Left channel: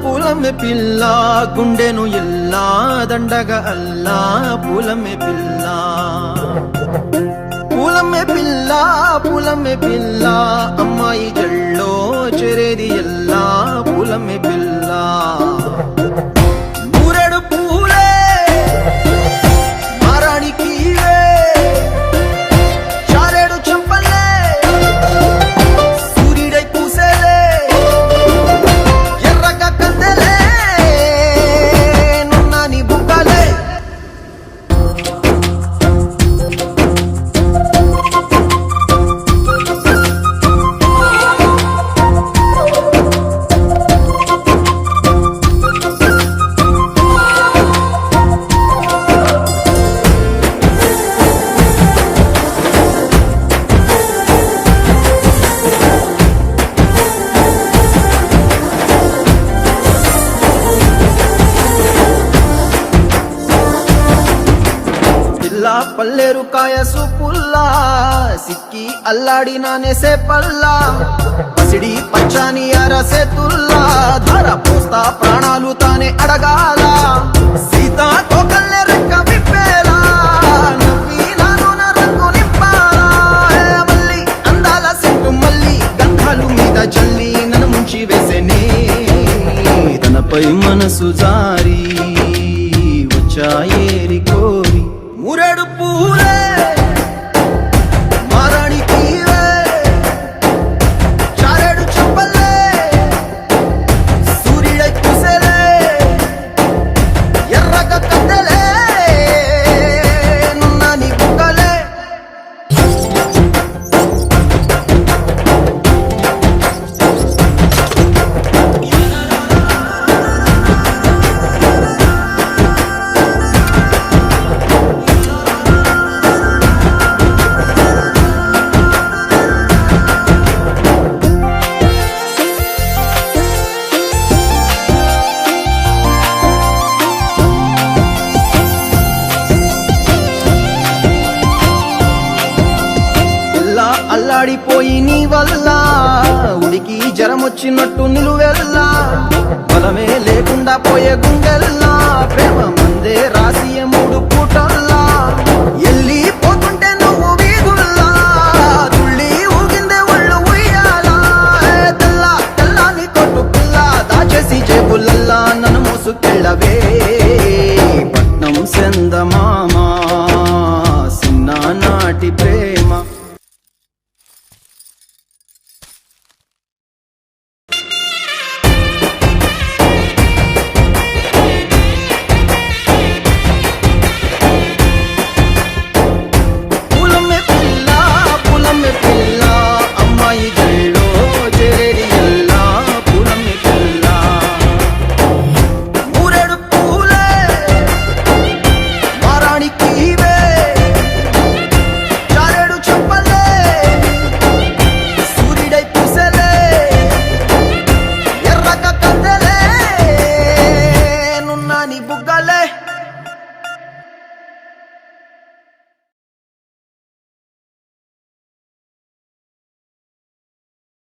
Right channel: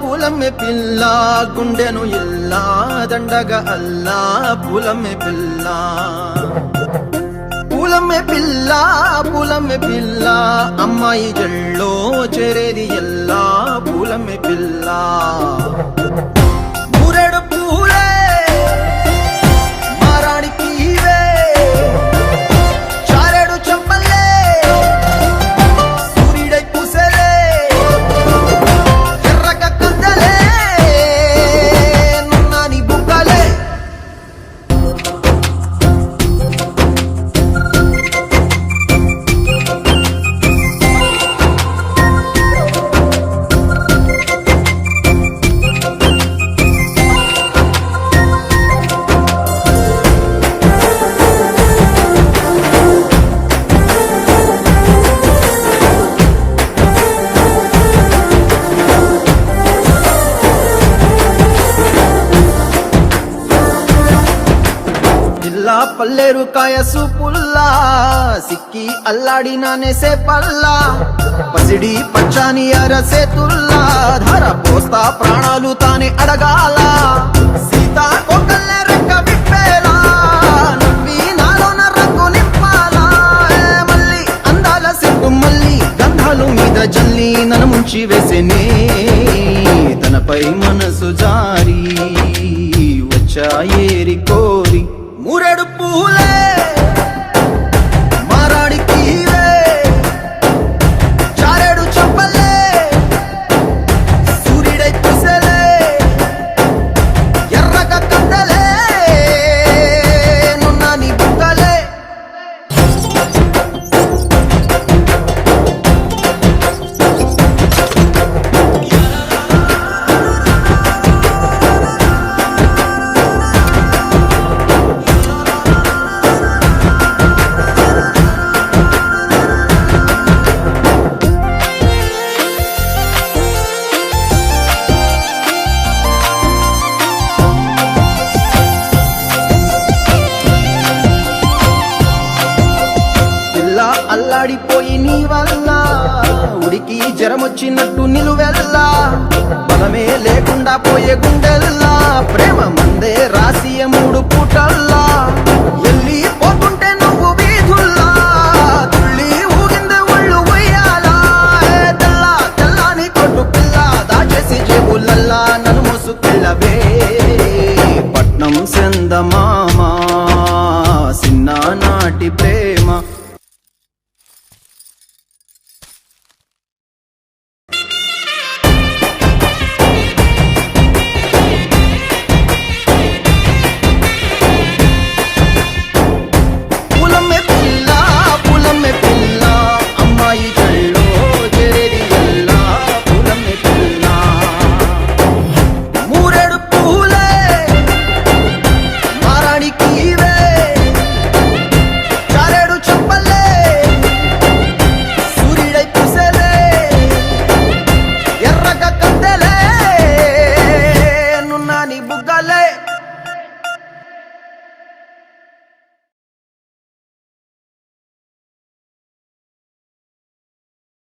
పూలమే పిల్ల గుండెను ఇల్లా దండగా అల్లా పూలమే పిల్ల పూలమే పిల్ల అమ్మాయి జల్లో చేరేది ఎల్లా పూలమే పిల్ల మూరెడు పూలే మారాడికి చారెడు చెప్పలే సూర్యుడై పూసే ఎర్రగా కందలే నున్నాని బుక్కలే పల్లేరు కాయ సూపుల్లా సిక్కి అల్లాడినానే సే పల్లా పసిడి పచ్చాని అరసే తుల్లా ధర పోస్తా ప్రాణాలు తానే అడగాల సీతా